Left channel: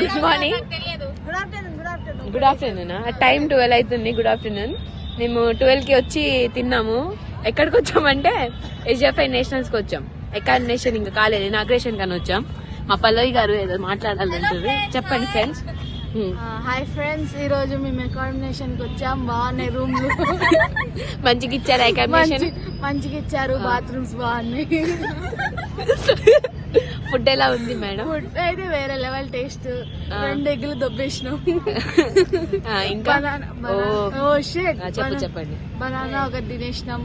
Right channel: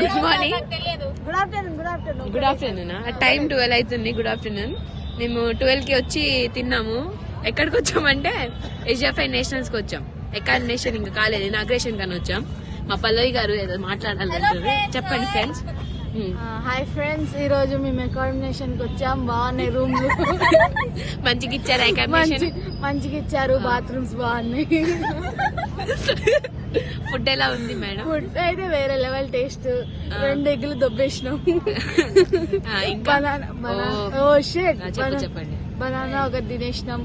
Good morning. Good afternoon. Time 12 అవుతుంది. Good afternoon. మేము 12 కి వచ్చి తిన్నాము. ఎక్కడికి వచ్చామంటే SFI నేషనల్స్ కి వచ్చాం. ఎకార్డినేషన్ ఇంకా కాలేదు, ఇనాగ్రేషన్ కానీ వచ్చాం. మా పల్లవి గారు ఏదో మాట్లాడాలంటారు. చెప్పండి ఫ్రెండ్స్. హాయ్ ఫ్రెండ్స్, ఈ రోజు మేము ఎకార్డినేషన్ కి వచ్చాం. బాగున్నాయి రూమ్లు, మంచిగా ఇచ్చారు. ఎకార్డినేషన్ మంచిగా ఇచ్చారు. బాత్రూమ్స్ బాగున్నాయి. ఫుడ్ ఎలా ఉంది మేడం? ఫుడ్ అయితే వేరే లెవెల్ టేస్ట్. 2 ఎగ్గులు దొబ్బేసినాం. ఇంకా చెప్పండి. బనానా ఒకటి తినేసినాం.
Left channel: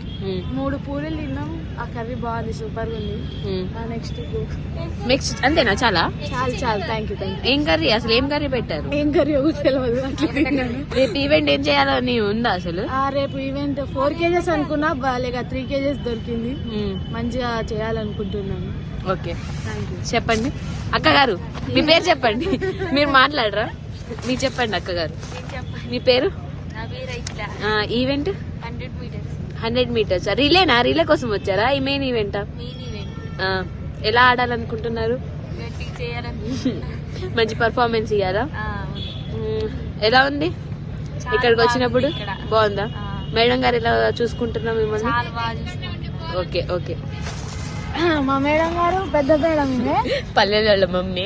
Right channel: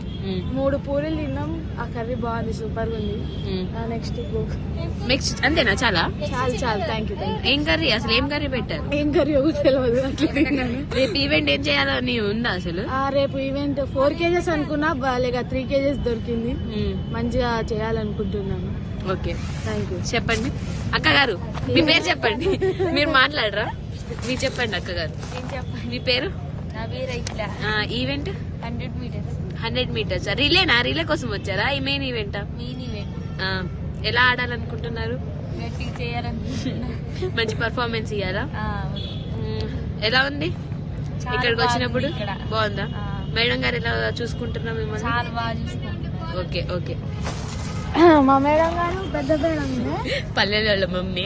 3 పూరీలు తిన్నాం. ఆ కర్రీ బాగుంది, సూపర్ గా ఉంది. నెక్స్ట్ అంతేనా? చాలా చాలా థ్యాంక్ యూ. ఏం కర్రీ అసలు? ఏం కర్రీ పెట్టారు? ఏం కర్రీ తెలియదు. రేపు ఈవెంట్ ఏం చేయాలని ఉందా అసలు? రేపు ఈవెంట్ 4 kgs అనుకున్నా, బాగా 3 kgs దొరికింది. మంచిగా చేయాలనుకుంటున్నాను. ఓకే, చెప్పండి అక్క గారు. మీ పేరు చెప్పండి. మీరు మాట్లాడరా? మీరు చెప్పండి అక్క గారు. మీ పేరు? Event 100 meters. రిలేనా? రిలే కోసం వచ్చారా? ఈ మెయిన్ ఈవెంటా? ఎలా ఆడాలనుకుంటున్నారు? మంచి పర్ఫార్మెన్స్ ఇయ్యారా? ఎలా ఉంది ఇక్కడికి వచ్చినప్పుడు? బాగుందా? మేడం గారు ఎలా చూసుకుంటున్నా మిమ్మల్ని? Okay okay. మా మేడం గారు పెద్ద మేడం, పల్లెల మమ్మీ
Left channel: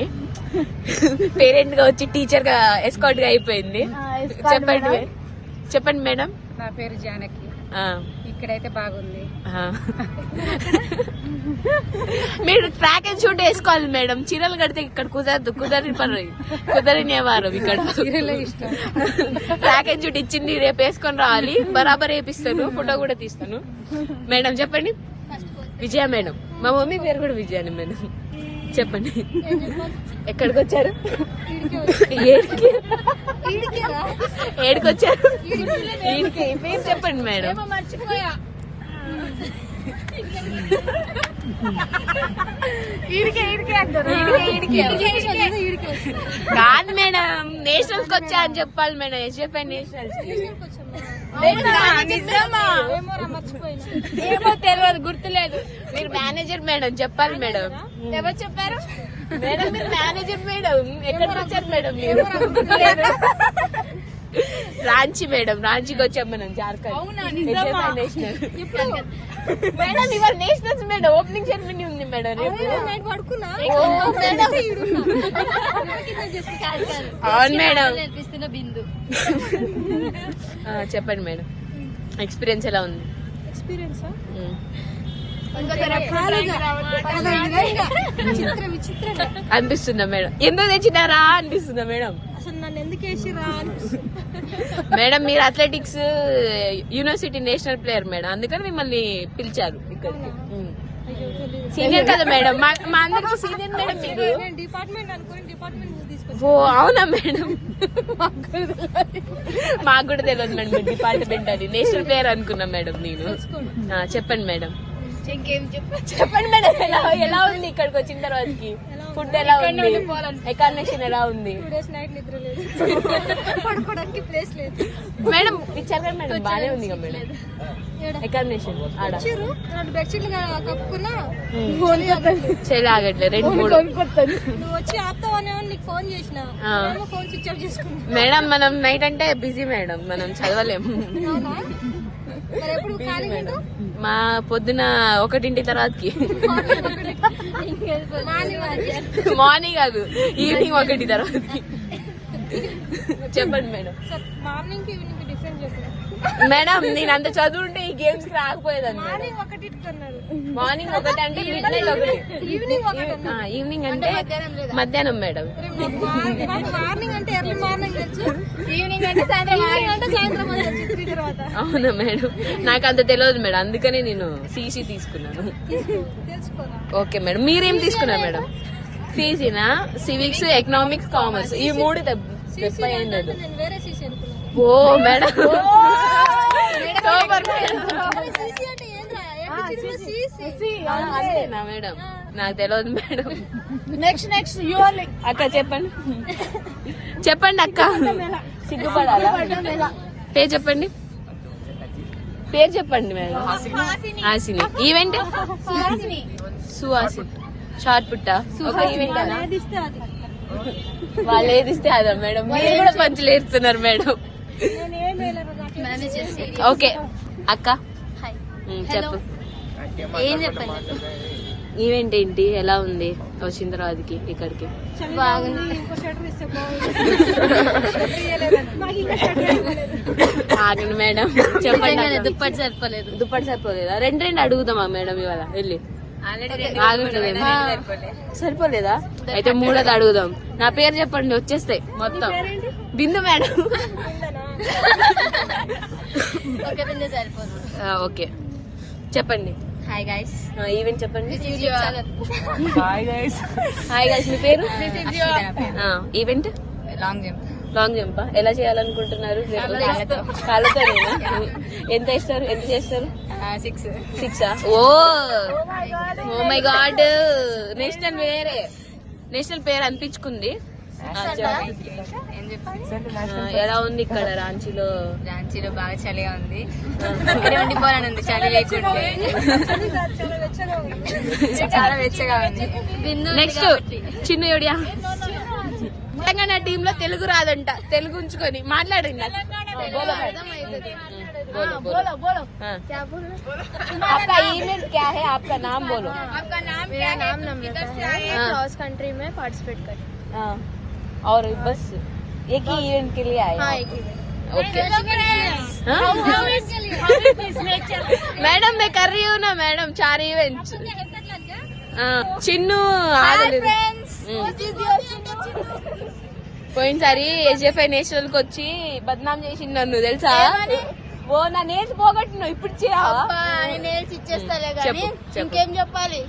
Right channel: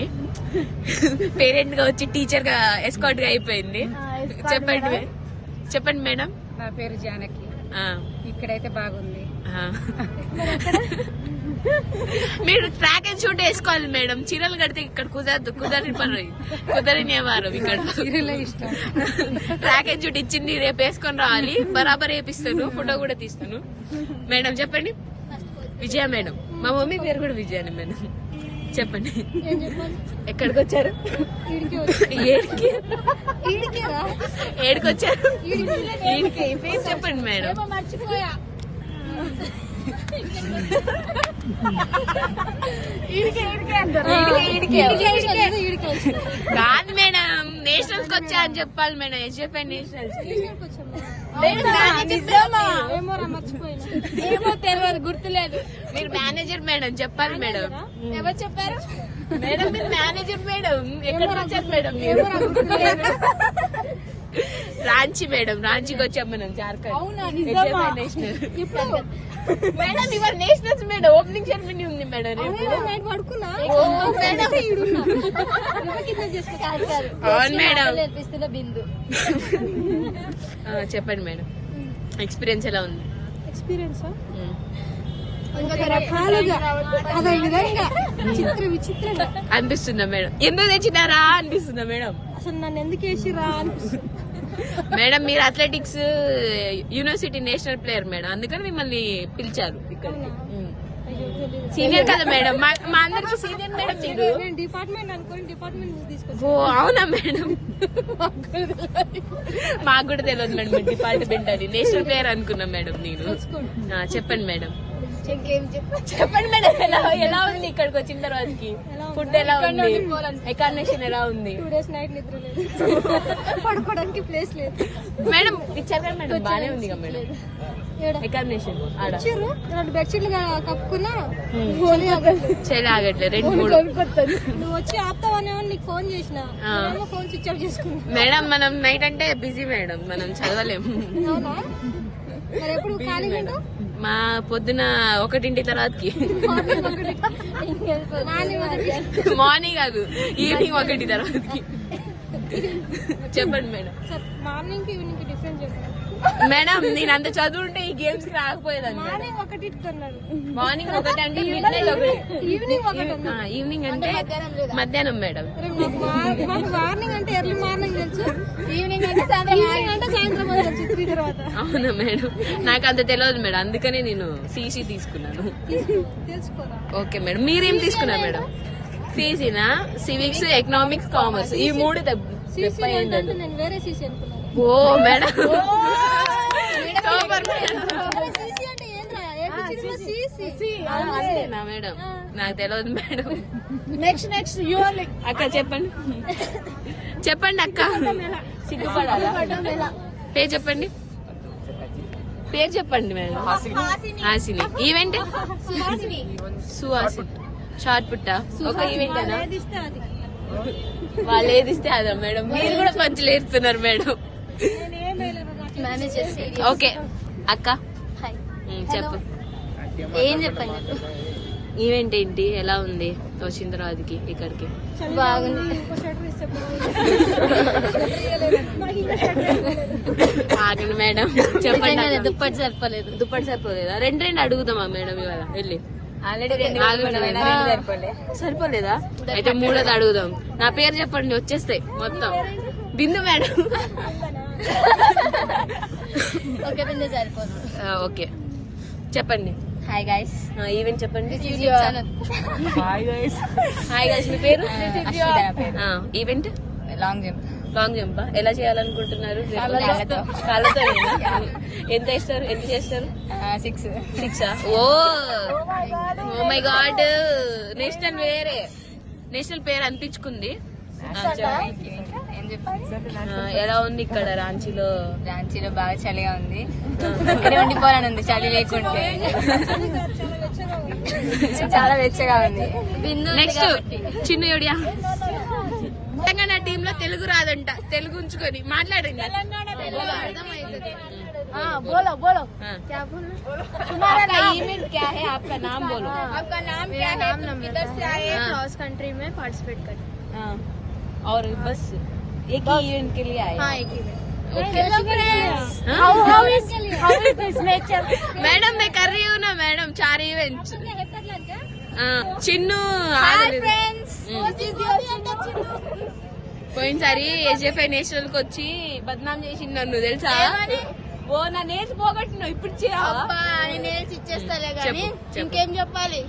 పేరెంట్ గా వచ్చి టీచర్ గా ఎస్కాట్ గా అయిపోయింది. చెప్పండి మేడం. నా పేరు జానకి. ఇక్కడైతే బాగుంది. మీరు ట్రాక్ అండ్ షూట్ వేసుకోవాలి మేడం. చీరలు కడితే ఇక్కడ కుదరని వారం. ఇక్కడ ట్రాక్ అండ్ షూట్ ఇచ్చింది, రేపు వేసుకొని రావాలి. బరాబర్ వేపిస్తాను, ఫోటో కూడా తీస్తాను. మేడం చెప్పండి. విజయ మేడం. మా మమ్మీ పేరు కూడా విజయాని మేడం. చెప్పండి. ఎక్కడికి వచ్చారు? ఏడికొచ్చారు? ఈడికి పేరు చెప్పండి మేడం. కాదు మేడం, నేషనల్స్ కి వచ్చా అని చెప్పాలి మేడం. SFI నేషనల్స్ కి. ఏమో తెలియదు, గుర్తులేదు. మీరు మేనేజర్ మేడం, చెప్పాలి మేడం. ఎవరు చెప్పారు మేడం? మీరు మేనేజర్ మేడం. ఎక్కడికి వచ్చారు మేడం మీరు? గుర్తులేదు. రాంచీ మేడం. రాంచీకి వచ్చాం మనం, జార్ఖండ్. SFI national madam. ఇవాళ నేషనల్స్ మేడం. ఓపెనింగ్ సెరమనీ ఉంది మేడం రేపు. అవును మేడం. చెప్పండి మేడం, ఎక్స్పీరియన్స్ ఎలా ఉంది? అనిపిస్తుందా మేడం? ఎందుకు తెచ్చినారా అనిపిస్తుందా మేడం? అసలు నన్ను ఎందుకు వేసిరా? మేడం మీరు athletics university national player madam, అందుకని మిమ్మల్ని పిలిచారు ఇక్కడికి. సీనియర్ కదా మేడం, మా అందరికి సీనియర్ మేడం మీరు. ఓ అవునా మేడం? మాకు కూడా తెలియదు మేడం మీరు డిపార్ట్మెంట్ అని. నేషనల్ ప్లేయర్ అనుకున్నాం మేడం నేను. చెప్పండి మేడం. చెప్పండి మేడం, ఎలా ఉంది ఇక్కడికి వచ్చిన తర్వాతకి? ఫుడ్ ఎలా ఉంది? ఎకార్డినేషన్ ఎలా ఉంది? మేడం ఇచ్చారు కదా మేడం, బానే ఉంది కదా మేడం ఎకార్డినేషన్. ఆడ చెల్లి ఆగట్లేదు. 2-3 వచ్చి ఆపుతావని ఫోన్ చేసిన. మేడం మనం నైట్ అంటే బిజీ మేడం, మనం చదవలేము. Busy madam. మా పొద్దున 1 తర్వాతకి. మార్నింగ్ కాదు, ఈవినింగ్ 1 తర్వాతకి. చెప్పండి మేడం. మేడం నేను అంత చదువుంటే ఈ గేమ్స్ కి రాకపోయేదాన్ని. మార్నింగ్ 1 అంటే మిడ్ నైట్ 1, ఈవినింగ్ అంటే మధ్యాహ్నం మేడం. మార్నింగ్ అంటే ఎర్లీ మార్నింగ్, ఈవినింగ్ అంటే సాయంత్రం. అవునా మేడం? నాకు అంత తెలియదు మేడం, అందుకనే నేను CC తీసుకున్నాను. Okay madam. మీరేం తీసుకున్నారు మేడం? CCనా? సివిక్స్, ఎకనామిక్స్, కామర్స్, ఈ 3 దెబ్బ ఏంటదు. ఓ మేడం సూపర్ మేడం. అంతేనా మేడం? నాకు తెలియదు మేడం. నెక్స్ట్ అక్క చెప్పండి. చెప్పండి అక్క, సిగ్గుపడాలా? పేరు చెప్పండి. పేరు చెప్పండి madam. Hasini. Event Suhasini. Short పుట్ట. ఒక ఈవెంట్ అనా? వాళ్ళు ఏది ఇస్తే అదా మేడం, మీరు కూడా పంచులు వేస్తున్నారు మేడం. ఓకే అక్క చెప్పు, ఏం చెప్పండి చెప్పు. ఈవెంట్ ఏంటి, ఎలా ఉంది వచ్చిన తర్వాతకి ఇక్కడికి? బాగుంది. ఆగండి మేడం చెప్పండి. దుప్పటి సరిపోలేదు. దుప్పటి సరిపోలేదా? రెండు అడుగుదామా మేడం ఇవాళ వెళ్ళి? సరిపోలేదా? అయితే మూడోది అడుగుదాం. నా పేరు చెప్పండి వచ్చేస్తే మొత్తం. బిందు మేడం. ఓకే చెప్పండి. Hi guys. ఈవెంట్ చెప్పండి. YouTube channel. Hi guys. మీ పేరు? Event long jump. Long jump ఎలా చేయాలనుకుంటున్నారు? కాళ్ళతోనేనా? ఎంత ఇస్తారు, ఎంత చేస్తారు? 6 ఓ మై గాడ్, నేషనల్ వేరే నేషనల్ పేరు అనిపించుకుంది. ఎలా ఉంది ఇక్కడ రాంచీలో? బాగా చలిగా ఉంది. ఇక్కడ ఉండిపోవాలని ఉంది, చలి లేకుండా. చాలా వెచ్చగా ఉంది. నెక్స్ట్ చిన్నయుడియా. తెలంగాణ టీమ్ లో తెలుగు రాదంట, తెలుగు ఉంచుకొని మాట్లాడండి. आपका ईमेल क्या है? आपका नाम बोलो. मेरा नाम नम्रता है. क्रॉस कंट्री में पार्टिसिपेट करती हूँ. और बस एक ही इवेंट के लिए आए? हाँ, एक इवेंट. ओके. मैडम मैं कर रही हूँ ना मैडम 4 इवेंट्स. చిన్ను ఆగలేదు. పోయినసారి ఎస్ఎఫ్ఐ నేషనల్ కి వచ్చి బద్నాం చేసిండు నన్ను, తెలుసా? ఓ నా నేర్చి పోగొట్టిన, ఇప్పుడు నేర్చి ఇచ్చేస్తా. చెప్పు ఇంకేం చెప్పాలి?